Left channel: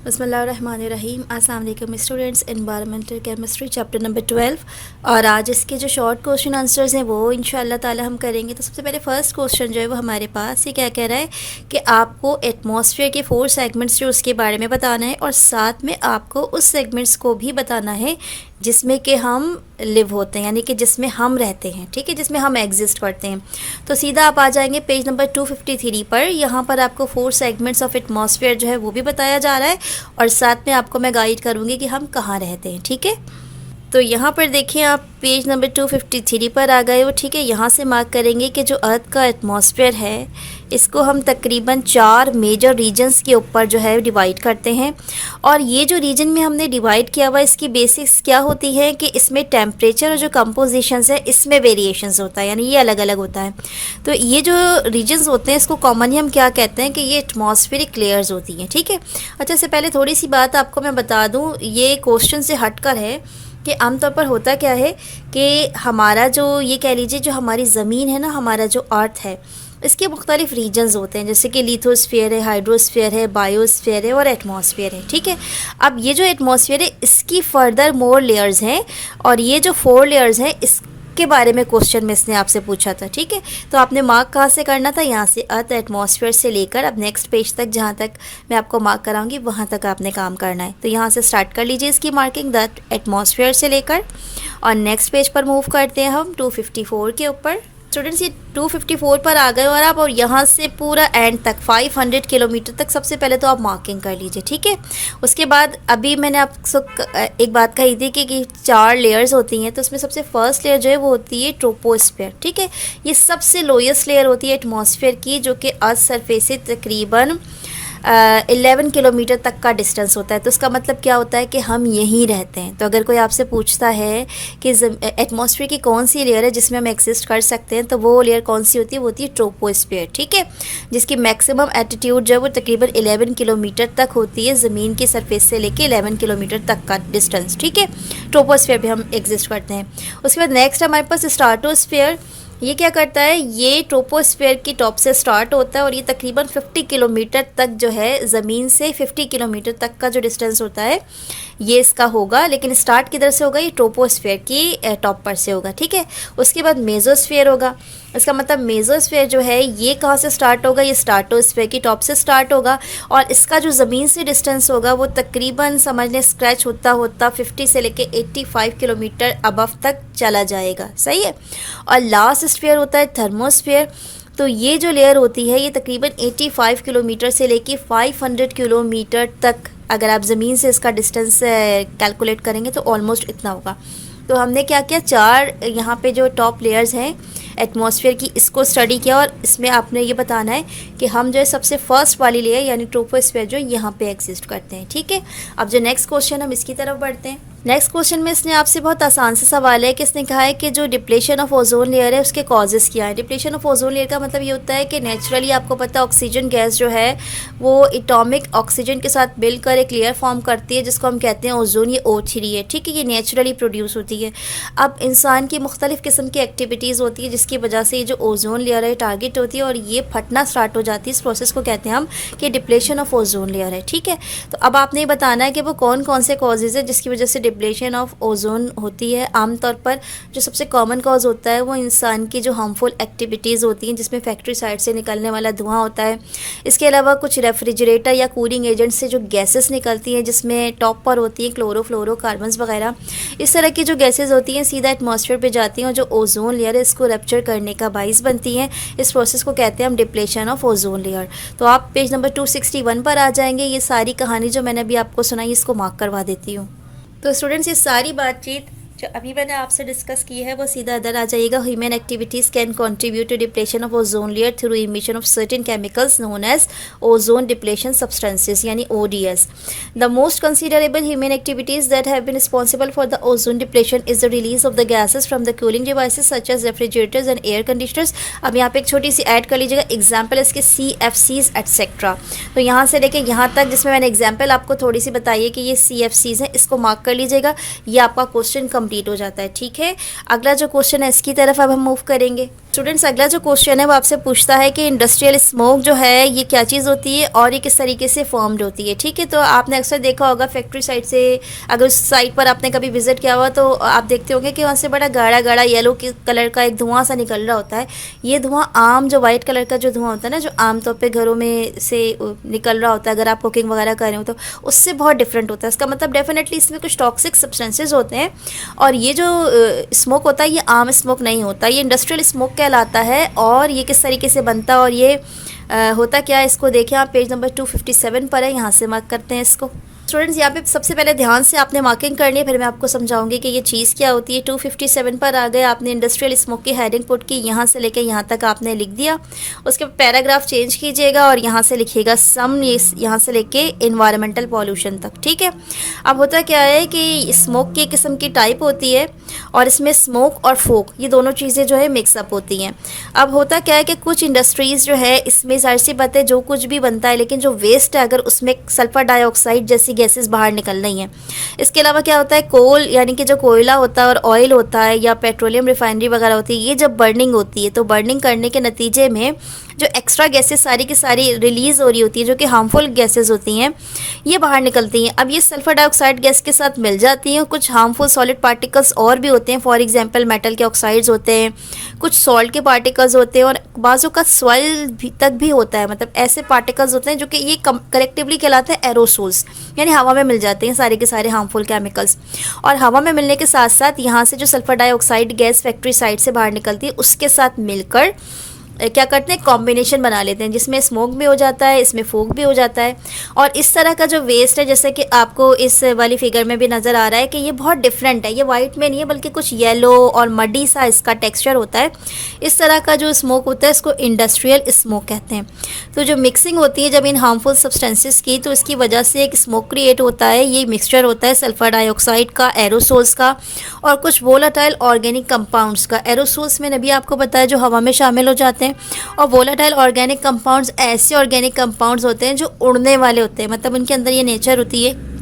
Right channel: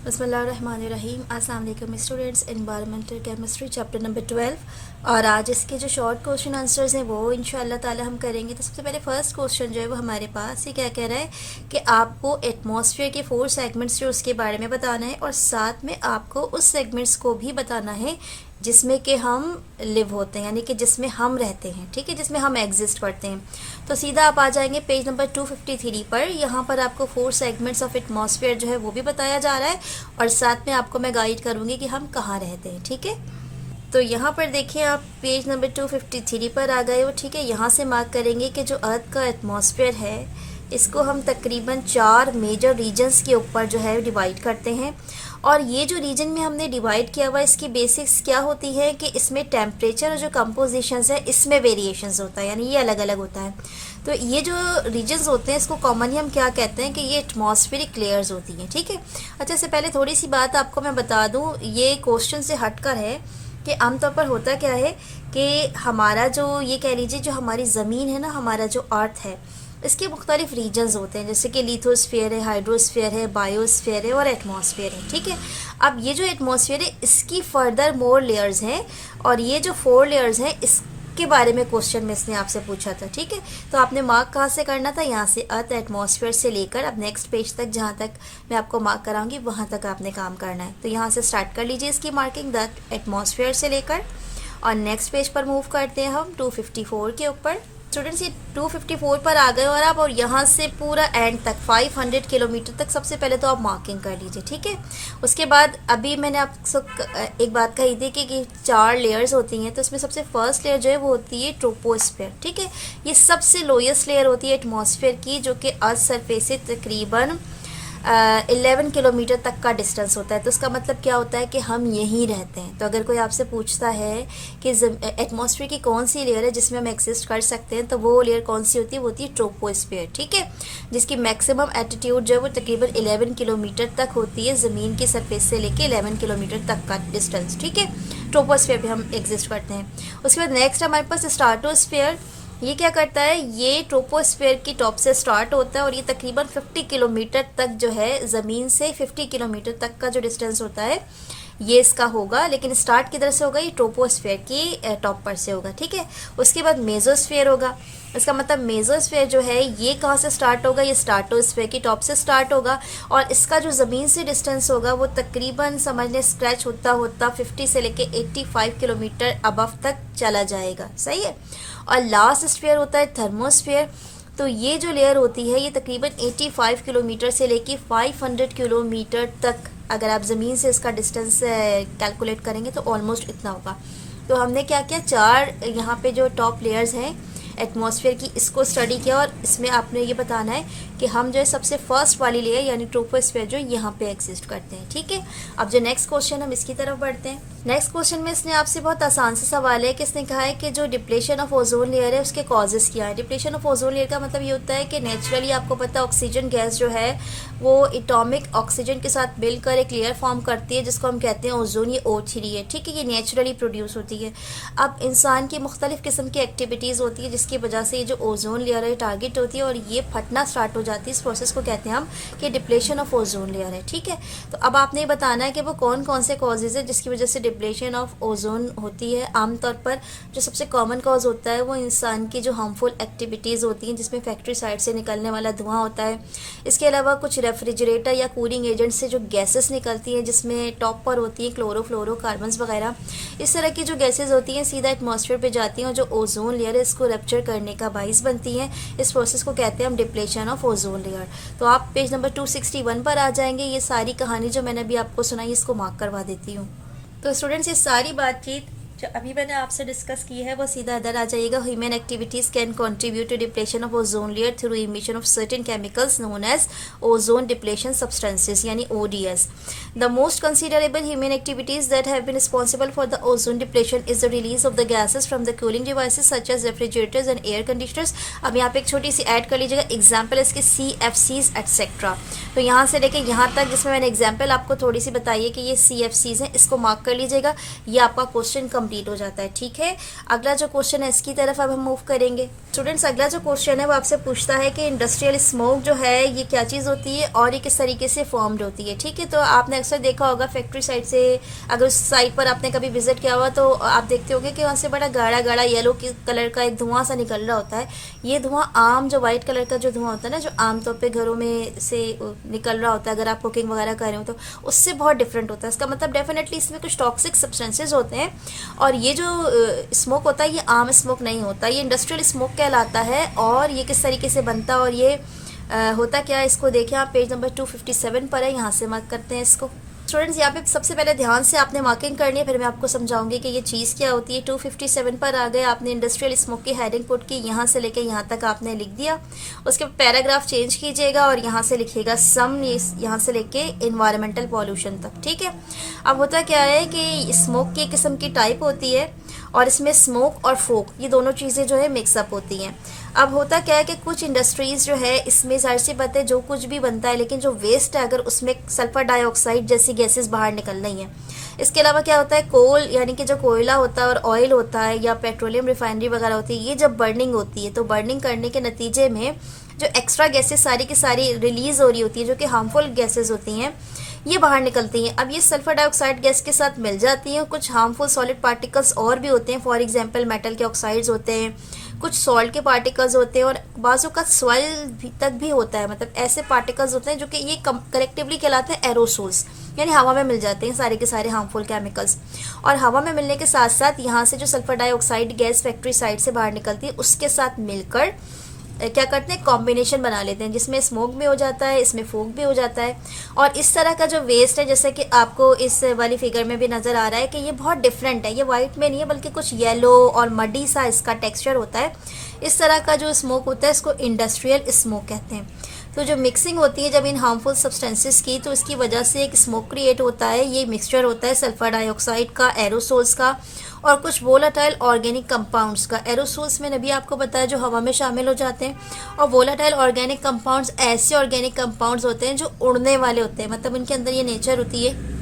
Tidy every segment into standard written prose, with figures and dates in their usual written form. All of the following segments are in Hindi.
बिस्मिल्लाहिर्रहमानिर्रहीम। अस्सलाम वालेकुम students, environmental chemistry chapter number 12। और आज इसके जो शॉर्ट क्वेश्चन आंसर्स हैं वो इंशाल्लाह ताला हम करेंगे। तो सबसे पहले फ़र्स्ट क्वेश्चन जो है वो हमारे पास ये क्या कह रहा है कि आपको एटमॉस्फेयर के 4 सेगमेंट्स जो उसके बारे में बताना है और साथ में आपको उस सेगमेंट्स को भी बताना है जिसमें कि हम लिव होते हैं, यानी कि जिसमें हम रहते हैं, ठीक है, जिसमें हम एग्जिस्ट करते हैं। तो सीधा आप आ जाएंगे पेज नंबर 253 पर। यहाँ पर आपको 4 सेगमेंट्स ऑफ एटमॉस्फेयर जो है वो भी बताया जा रहा है और साथ में आपको मैं गाइड करूँगी कि हम कहाँ रहते हैं, ठीक है। तो यहाँ पर देखिए आप पेज नंबर 253 पर आ गए हो, ठीक है। यहाँ से मार्क करेंगे कि जो अर्थ का एटमॉस्फेयर है इसको हम तकरीबन 4 मेजर रीजन्स के ऊपर जो है डिवाइड करते हैं। और ये जो रीजन में हमने डिवाइड किया हुआ इसकी बेसिक्स क्या होती है कि इसमें टेम्परेचर और जो कंपोजिशंस है इसमें वेरिएशंस होता है, यानी ये अलग अलग होता है। तो ये जो रीजन्स होते हैं इसको कॉमनली हम क्या कहते हैं कि ये एटमॉस्फेरिक लेयर्स होती हैं, ठीक है। अच्छा, इससे पहले थोड़ी सी बात आपको मैं बता दूँ, ये क्वेश्चन से हटकर है कि आमतौर पर होता क्या है कि हमारा जो ये कह लीजिए जो हमारी ज़मीन है ना, हमारा जो अर्थ है इसके मुख्तलिफ रीजन्स होते हैं, जैसे कि लिथोस्फीयर है, हाइड्रोस्फीयर है, बायोस्फीयर है और एटमॉस्फेयर है, ठीक है। अब ये जो एटमॉस्फेयर है इसकी फर्दर मोर लेयर्स हैं और ये जो 4 लेयर्स हैं इसके बारे में क्वेश्चन में इसने आपसे पूछा था, ठीक है। तो आपने मार्क कहाँ से करना था, यहाँ से अर्थ एटमॉस्फेयर से लेकर अब नेक्स्ट पेज तक, जहाँ तक मैं आपको मार्क कराऊंगी वहाँ तक आपने काम करना है। तो यहाँ से स्टार्ट कर लीजिए इसकी मार्किंग, दैट एटमॉस्फेयर से लेकर, और नेक्स्ट पेज पर मूव करते हैं हम 254 के ऊपर। स्टूडेंट्स ये 254 पर आ गए और आप, और यहाँ से पूरा एंड तक 500 किलोमीटर तक सबसे पहले तो आप मार्किंग कर लीजिए, ठीक है। उसके बाद अभी मैंने आपको एक बात कही थी कि 4 लेयर्स होती हैं, तो उसमें सबसे फर्स्ट लेयर जो है वो होती है ट्रोपोस्फेयर, ठीक है। ये सबसे लोएस्ट लेयर होती है एटमॉस्फेयर की, जो कि अर्थ सरफेस से तकरीबन 11 किलोमीटर तक का डिस्टेंस होता है। तो उसका मतलब क्या होता है कि हम यहीं रहते हैं। तो अगर कोई आपसे पूछता है कि एटमॉस्फेयर की कौन सी लेयर है जिसमें हम एक्सिस्ट कर सकते हैं, तो वो लेयर कौन सी होती है, वो होती है ट्रोपोस्फेयर, ठीक है, जिसकी मैक्सिमम एल्टीट्यूड जो है वो तकरीबन 11 किलोमीटर तक होती है, ज़मीन की सरफेस से लेके 11 किलोमीटर तक का डिस्टेंस, ठीक है। ट्रोपोस्फेयर भी हम एग्जिस्ट करते हैं। उसके बाद नेक्स्ट हमारे पास स्ट्राटोस्फेयर। ये क्या करता है, ये ट्रोपोस्फेयर की टॉप से स्टार्ट होता है और ये तकरीबन 50 किलोमीटर तक जो है, ज़मीन से 50 किलोमीटर तक का जो डिस्टेंस होता है ये इसका होगा, लेकिन स्टार्ट किधर से होगा, ये ट्रोपोस्फेयर की टॉप पर से होगा, ठीक है। उसके बाद मेसोस्फेयर होगा। इसका मतलब मेसोस्फेयर जो है ये कहाँ से स्टार्ट होगा, ये स्ट्राटोस्फेयर की टॉप से स्टार्ट होगा और इसका जो ज़मीन से डिस्टेंस होगा वो तकरीबन समझने स्क्रैच होता होता 50 से लेके 85 किलोमीटर अबव तक चला जाएगा, सही है। और लास्ट स्फीयर होता है थर्मोस्फेयर। तो ये जो लेयर होती है ये तकरीबन 85 किलोमीटर से लेके 500 किलोमीटर तक, अगर आप ज़मीन से इसका डिस्टेंस कैलकुलेट करेंगे तो ऑलमोस्ट इतना होगा। तो हमने क्या किया, 4 यहाँ पे जो टॉप लेयर्स हैं एटमॉस्फेयर की इसको स्टडी किया और इसमें आपने ये बताना है कि हम जो है सबसे फर्स्ट वाली लेयर यानी ट्रोपोस्फेयर जो यहाँ पे एग्जिस्ट करते हैं, ठीक है। अब जो नेक्स्ट क्वेश्चन हम इसकी तरफ बढ़ते हैं। नेक्स्ट क्वेश्चन में इसने आपसे बहुत आसान सा सवाल है कि इसने कहा है कि जो डिप्लेशन ऑफ ओजोन लेयर है उसके कॉजेज़ क्या है। डिप्लेशन ऑफ ओजोन लेयर का मतलब ये होता है कि नेचुरली आपको पता है ऑक्सीजन गैस जो है वो एटॉमिक ऑक्सीजन के साथ मिलकर एक लेयर फॉर्म करती है जिसको हम कहते हैं ओजोन, ये O3 है, ठीक है। ये नेचुरली प्रोड्यूस होती है। अब इंसान की मुख्तलिफ किस्म की एक्टिविटीज़ होती है जिसकी वजह से ये जो ओजोन लेयर है टारगेट होती है और ये फटना स्टार्ट हो जाती है। इस प्रोसेस को कहते हैं हम कि डिप्लेशन ऑफ ओजोन लेयर है, ठीक है। तो अब आपने बताना है कि वो कौन कौन से कॉजेज़ है जिसकी वजह से डिप्लेशन ऑफ ओजोन होती है। आमतौर पर जो सबसे कॉमन कॉज होता है वो इंसान की जो हार्मफुल एक्टिविटीज़ होती हैं जिसमें फैक्ट्री साइड से निकलने वाला धुआं होता है। इसके अलावा कुछ रेफ्रिजरेटर या कूलिंग एजेंट से जो गैसेस निकलती हैं जिसमें टॉप पर होती हैं क्लोरोफ्लोरोकार्बन्स वगैरह, इस तरह की जो गैसेज होती हैं सीधा एटमॉस्फेयर पे जाती हैं और जो ओजोन लेयर है इसको रप्चर करने का बाइस बनती हैं। इस प्रोसेस को कहते हैं हम डिप्लेशन ऑफ ओजोन लेयर। तो आप पेज नंबर 261 पर आ जाएंगे। ये सारी कहानी जो मैंने अभी आपको सुनाई इसको मार्क करवा देती हूँ। तो स्टूडेंट्स ये सारी बातचीत जो अभी मैंने आपसे डिस्कस की है वो सीधा इधर आ जाइएगा। Human activities can contribute to depletion of ozone layer through emission of certain chemicals known as ozone depletion substances यानी ODS। The most considerable human activities that have been responsible for the ozone depletion is the release of the gases from the cooling devices such as refrigerators and air conditioners. अब यहाँ पे एक छोटी सी ऐड कर लीजिएगा, एग्जाम्पल इसके CFCs एट्सेट्रा। तो यहाँ से लेके यहाँ तक जिसमें मैंने एग्जाम्पल आपको थोड़ी सी बताई है कि ये CFCs हैं, इसको मार्क कर लीजिएगा। ये आपका क्वेश्चन कंप्लीट हो जाता है। ठीक है, अगला जो क्वेश्चन है इसकी तरफ अब हम मूव करेंगे। स्टूडेंट्स, अगला जो क्वेश्चन है वो आपसे पूछता है कि इंडस्ट्रियल स्मोक जो है ये क्या चीज़ होती है और ये किस तरीके से फॉर्म्ड होती है। ठीक है, तो आपने अक्सर देखा होगा फैक्ट्री साइड से, अगर उस साइड पर आपने कभी विजिट किया हुआ तो आप देखते होंगे कि वहाँ से बड़ा गाढ़ा गाढ़ा येलो कलर का एक धुआं सा निकल रहा होता है। ये धुआं आम जो वाइट कलर का जो धुआं होता है ना, जो आमतौर पे घरों में से निकल रहा होता है अगर आप कुकिंग वगैरह कर रहे हो, तो उससे बहुत डिफरेंट होता है। इसका मतलब डेफिनेटली इसमें कुछ टॉक्सिक सब्सटेंसेज होते हैं और ये जो स्मोक होता है ये आम स्मोक नहीं होता, ये इंडस्ट्रियल स्मोक कहलाता है। और ये किस तरीके से बनता है और ये होता क्या है, इसको देखें आप, पेज नंबर 257 पर है, यहाँ से मार्क करते हैं इसको। स्टूडेंट्स, यहाँ पे सबसे पहले ध्यान से आपने मार्किंग करनी है, फिर मैं आपको समझाऊंगी कि ये चीज़ क्या होती है। 257 पर आ गए, आपने इंडस्ट्रियल स्मोक की हेडिंग पुट की, यहाँ से लेके यहाँ तक आपने लिख दिया। उसके पैराग्राफ चेंज कीजिएगा और यहाँ से लिखिएगा सम, यहाँ से लेके इन्वायरमेंटल पॉल्यूशन तक। ठीक है, अब होता क्या है कि स्मोक की किस्म की टाइप होती है और इसमें स्मोक और फोक ये दोनों चीज़ें जो है मिक्सअप होती हैं। अब होता क्या है कि कुछ इंडस्ट्रीज़ जो है इसमें जाहिर सी बात है जो कुछ भी बनता है, लेकिन जो वेस्ट है अगर उसमें सल्फर डाइऑक्साइड जैसी गैसेस बाहर निकल रही हैं। इसके अलावा क्या होता है, कोल यानी कि जो कोयला होता है और ऑयल होता है या पेट्रोलियम रिफाइनरी वगैरह होती है, ये जब बर्निंग होती है तो बर्निंग करने के नतीजे में जो एक्स्ट्रा गैसेस सारी की सारी रिलीज़ हो रही होती है जो कि हार्मफुल गैसेस होती हैं, ये बाहर निकलती हैं। अब ये सल्फर डाइऑक्साइड गैस के साथ मिल जाती हैं। कुछ हार्मफुल सॉलिड पार्टिकल्स और भी होते हैं, फॉर एग्जांपल मेटल के ऑक्साइड्स होते हैं, कुछ सॉल्ट के पार्टिकल्स होते हैं और बाजू का सॉइल तक भी होता है। मतलब ऐसे पार्टिकल्स होते हैं जो कि ये कलेक्टिवली कहलाते हैं एरोसोल्स, यानी हवा में मिल जाते हैं सारे के सारे हार्मफुल केमिकल्स। और हवा में मिलने के साथ साथ यहाँ से जो sulphur dioxide gas factory side से बाहर निकलती है उसके साथ मिलकर क्या करते हैं, कॉम्बिनेशन बना लेते हैं, जिसमें स्मोक भी हो जाता है, इसमें फूक भी हो जाता है। और इस तरह का जो वेस्ट है, जैसे कि आपको इस वाली फिगर में भी नज़र आ रहा है कि ये बहुत डिफरेंट है, ये वाइट में नहीं है बल्कि कुछ येलो और मडी सा इसका टेक्सचर होता है। इस तरह का जो स्मोक होता है इसको इंडस्ट्रियल स्मोक कहते हैं। तो जो मिक्सिंग होती है जब इन हार्मफुल सब्सटेंसेस की, तो इसकी वजह से एक स्मोक क्रिएट होता है। ये मिक्सचर होता है सल्फर डाइऑक्साइड का, एरोसोल्स का और कुछ वोलाटाइल ऑर्गेनिक कंपाउंड्स का। एरोसोल्स में भी आपको पता है जो हवा में शामिल हो जाते हैं, और वोलाटाइल ऑर्गेनिक कंपाउंड्स ऐसे ऑर्गेनिक कंपाउंड्स होते हैं जो उड़ने वाले होते हैं। मतलब उनके अंदर ये नेचर होती है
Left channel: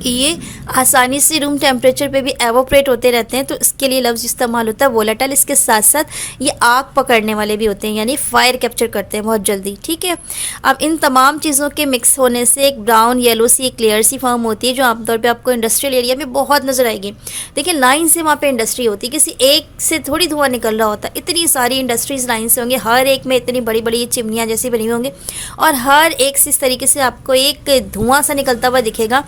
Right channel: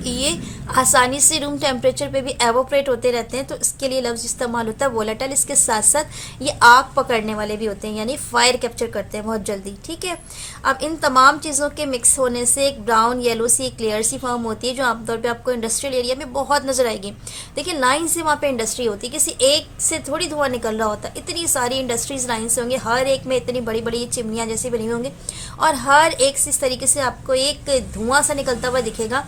कि ये आसानी से रूम टेम्परेचर पे भी एवोपरेट होते रहते हैं, तो इसके लिए लफ्ज़ इस्तेमाल होता है वोलेटाइल। इसके साथ साथ ये आग पकड़ने वाले भी होते हैं, यानी फायर कैप्चर करते हैं बहुत जल्दी। ठीक है, अब इन तमाम चीज़ों के मिक्स होने से एक ब्राउन येलो सी एक लेयर सी फॉर्म होती है जो आमतौर पे आपको इंडस्ट्रियल एरिया में बहुत नज़र आएगी। देखिए लाइन से वहाँ पे इंडस्ट्री होती है, किसी एक से थोड़ी धुआं निकल रहा होता है, इतनी सारी इंडस्ट्रीज़ लाइन से होंगे, हर एक में इतनी बड़ी बड़ी चिमनियाँ जैसी बनी होंगी और हर एक से इस तरीके से आपको एक धुआं सा निकलता हुआ दिखेगा।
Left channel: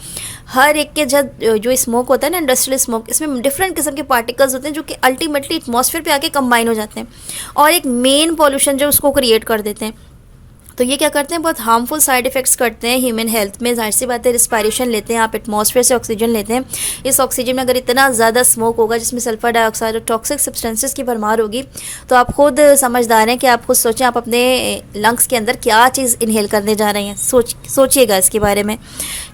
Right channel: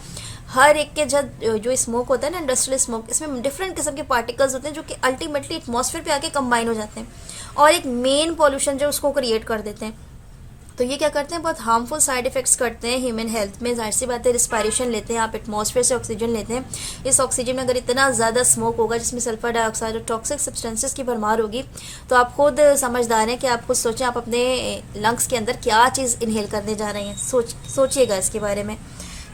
हर एक के जो स्मोक होता है ना, इंडस्ट्रियल स्मोक, इसमें डिफरेंट किस्म के पार्टिकल्स होते हैं जो कि अल्टीमेटली एटमॉस्फेयर पे आके कंबाइन हो जाते हैं और एक मेन पॉल्यूशन जो उसको क्रिएट कर देते हैं। तो ये क्या करते हैं, बहुत हार्मफुल साइड इफेक्ट्स करते हैं ह्यूमन हेल्थ में। जाहिर सी बात है, रिस्पायरेशन लेते हैं आप, एटमॉस्फेयर से ऑक्सीजन लेते हैं। इस ऑक्सीजन में अगर इतना ज़्यादा स्मोक होगा जिसमें सल्फर डाइऑक्साइड और टॉक्सिक सब्सटेंसेस की भरमार होगी, तो आप खुद समझदार हैं कि आप खुद सोचें आप अपने लंग्स के अंदर क्या चीज़ इनहेल करने जा रहे हैं। सोचिएगा इसके बारे में।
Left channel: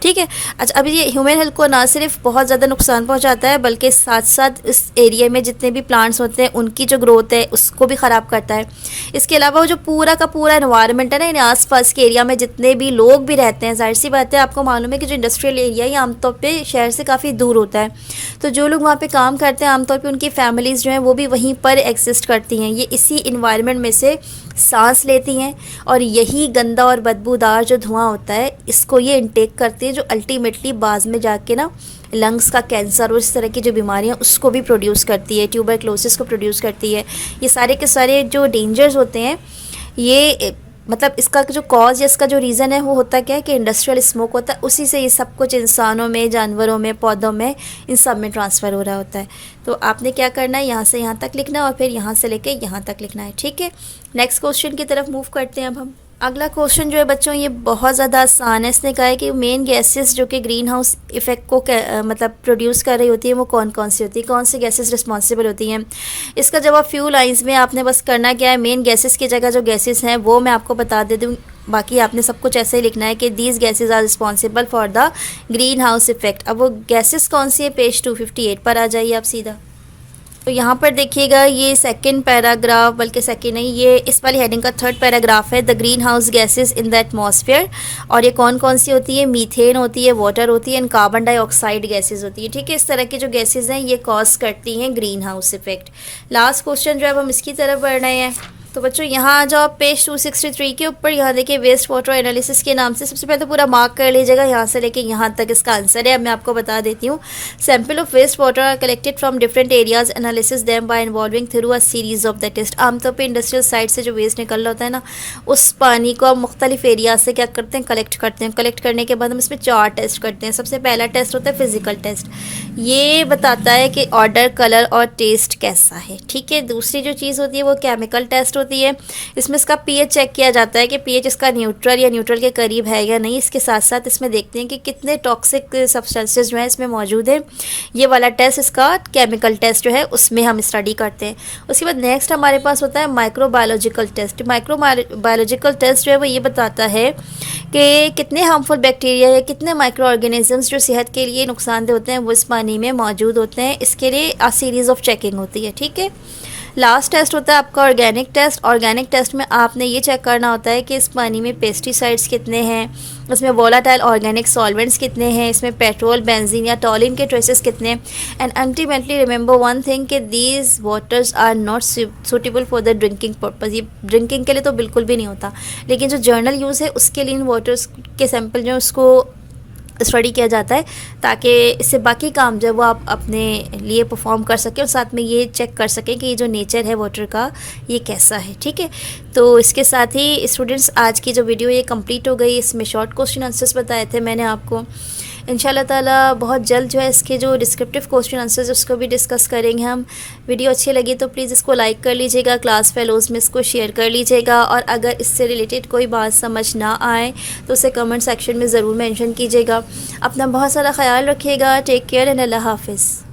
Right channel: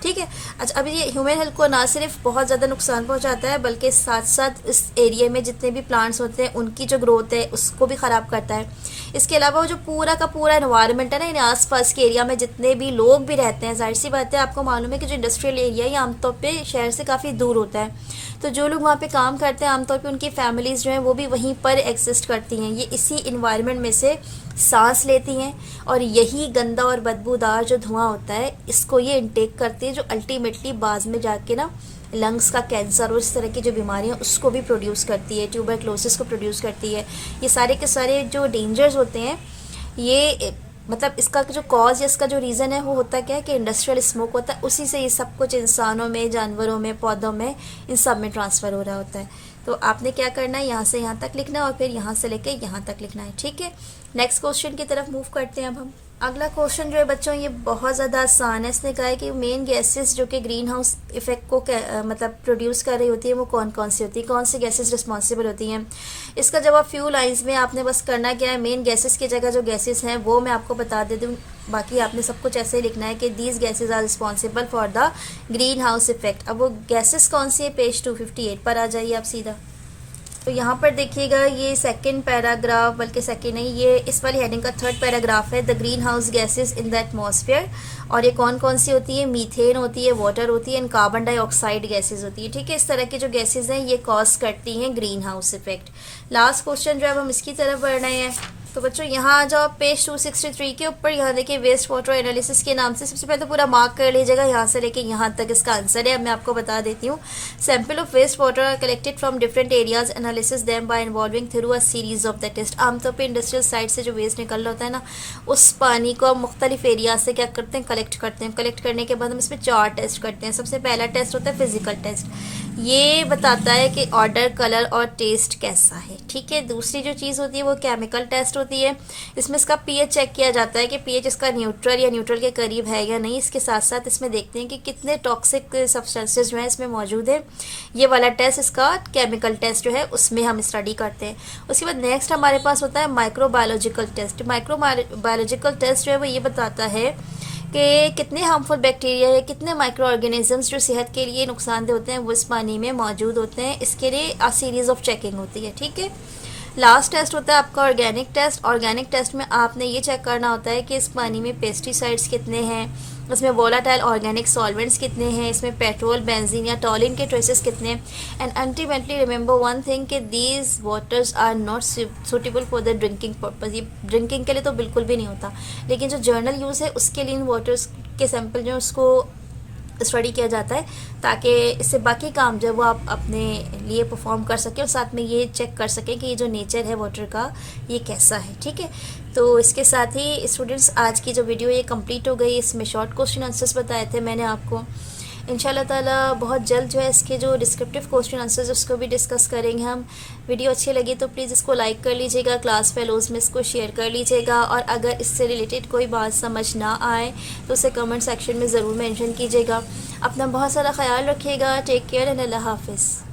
ठीक है, अच्छा, अभी ये ह्यूमन हेल्थ को ना सिर्फ बहुत ज़्यादा नुकसान पहुंचाता है बल्कि साथ साथ इस एरिया में जितने भी प्लांट्स होते हैं उनकी जो ग्रोथ है उसको भी ख़राब करता है। इसके अलावा वो जो पूरा का पूरा एनवायरनमेंट है ना, आसपास के एरिया में जितने भी लोग भी रहते हैं, जाहिर सी बात है आपको मालूम है कि जो इंडस्ट्रियल एरिया है ये आमतौर पर शहर से काफ़ी दूर होता है, तो जो लोग वहाँ पर काम करते हैं आमतौर पर उनकी फैमिलीज़ जो हैं वो भी वहीं पर एग्जिस्ट करती हैं। ये इसी इन्वायरमेंट में से सांस लेती हैं और यही गंदा और बदबूदार जो धुआं होता है इसको ये इनटेक करती है, जो अल्टीमेटली बाद में जाके ना लंग्स का कैंसर और इस तरह की जो बीमारियां उसको भी प्रोड्यूस करती है, ट्यूबरक्लोसिस को प्रोड्यूस करती है। ये सारे के सारे जो डेंजर्स होते हैं, ये मतलब इसका जो कॉज या इसका जो रीज़न है वो होता क्या है कि इंडस्ट्रियल स्मोक होता है, उसी से ये सब कुछ इंसानों में, जानवरों में, पौधों में, इन सब में ट्रांसफ़र हो रहा होता है। तो आपने क्या करना है, यहाँ से यहाँ तक लिखना है और फिर यहाँ से लेके यहाँ तक लिखना है। ठीक है, नेक्स्ट क्वेश्चन की तरफ मूव करते हैं अब हम। अगला क्वेश्चन जो है बच्चों ये बहुत ज़्यादा आसान है। इसने कहा है कि मेन गैसेस जो कि ग्रीन हाउस इफेक्ट को मतलब प्रोड्यूस कर रही होती है वो कौन कौन सी होती है, कौन सी गैसेस रिस्पॉन्सिबल होती हैं। इसका जवाब फ्यू लाइंस में आपने बस करना क्या है, मेन गैसेस की जगह जो गैसेस हैं वो मैं आपको बता दे दूँ, बाकी आपने सब कुछ ऐसे ही लिखना है कि these gases are responsible for the greenhouse effect. अब वो गैसेस कौन सी है, पेज 258 पर आ जाइए आप सीधा। तो यहाँ पर देखिएगा ये सेकंड पैराग्राफ, बल्कि सेकंड नहीं, ये इस वाली हेडिंग का थर्ड पैराग्राफ है, the green house gases in the atmosphere. और ये कौन कौन सी होती है? मीथेन होती है, वाटर होती है, एंड कार्बन डाइऑक्साइड गैसेज होती है। ठीक है, इस तरह की जो गैसेज हैं ये कॉज करती हैं green house effect. Last question जो है हम इसकी तरफ बढ़ रहे हैं। तो बच्चों यहाँ आ जाओ पेज 263 के ऊपर। यहाँ देखिए वेस्ट वाटर एनालिसिस के नाम से सबसे पहले तो पूरा मार्क कर लीजिएगा, यहाँ से लेके यहाँ तक इसका आंसर है। अब मैं आपको बता देती हूँ। Sample of waste water are collected from different areas, analysis them by involving through a series of the test. आमतौर पर इंडस्ट्रियल साइट से जो वेस्ट निकल रहा होता है ना, उस पानी को हम मुख्तलिफ एरिया से क्या करते हैं? कलेक्ट करते हैं। कलेक्ट करने के बाद हम इसमें 4 टेस्ट करते हैं। सबसे पहला टेस्ट होता है फिजिकल टेस्ट, ये बताता है कि ऑर्डर, कलर और टेस्ट कैसा है। ठीक है, दूसरी जो चीज़ होती है वो केमिकल टेस्ट होती है। इसमें इसका पीएच चेक किया जाता है कि पीएच इसका न्यूट्रल या न्यूट्रल के करीब है या नहीं। इसके साथ साथ इसमें देखते हैं कि कितने टॉक्सिक सब्सटेंसेस जो है इसमें मौजूद है। ये वाला टेस्ट इसका केमिकल टेस्ट जो है उसमें हम स्टडी करते हैं। उसके बाद नेक्स्ट हमारे पास होता है माइक्रोबायोलॉजिकल टेस्ट। माइक्रोबायोलॉजिकल टेस्ट जो है वो ये बताता है कि कितने हार्मफुल बैक्टीरिया या कितने माइक्रो ऑर्गेनिजम्स जो सेहत के लिए नुकसानदेह होते हैं वो इस पानी में मौजूद होते हैं। इसके लिए अ सीरीज़ ऑफ चेकिंग होती है। ठीक है, लास्ट टेस्ट होता है आपका ऑर्गेनिक टेस्ट। ऑर्गेनिक टेस्ट में आपने ये चेक करना होता है कि इस पानी में पेस्टिसाइड्स कितने हैं, इसमें वोलाटाइल ऑर्गेनिक सॉल्वेंट्स कितने हैं, इसमें पेट्रोल, बेंजीन या टॉलिन के ट्रेसेस कितने हैं। And ultimately remember one thing कि these waters are not suitable for the drinking purpose. ये ड्रिंकिंग के लिए तो बिल्कुल भी नहीं होता, लेकिन जो जर्नल यूज़ है उसके लिए इन वाटर्स के सैंपल जो है उसको स्टडी किया जाता है, ताकि इससे बाकी काम जो है वो आप अपने लिए परफॉर्म कर सकें और साथ में ये चेक कर सकें कि ये जो नेचर है वाटर का ये कैसा है। ठीक है, तो इसके साथ ही स्टूडेंट्स आज की जो वीडियो ये कंप्लीट हो गई। इसमें शॉर्ट क्वेश्चन आंसर्स बताए थे मैंने आपको। इंशाल्लाह ताला बहुत जल्द जो है इसके जो डिस्क्रिप्टिव क्वेश्चन आंसर्स उसको भी डिस्कस करेंगे हम। वीडियो अच्छी लगी तो प्लीज़ इसको लाइक कर लीजिएगा, क्लास फेलोज़ में इसको शेयर कर लीजिएगा, और अगर इससे रिलेटेड कोई बात समझ ना आए तो उसे कमेंट सेक्शन में ज़रूर मेंशन कीजिएगा। अपना बहुत सारा ख्याल रखिएगा। टेक केयर एंड अल्लाह हाफिज़।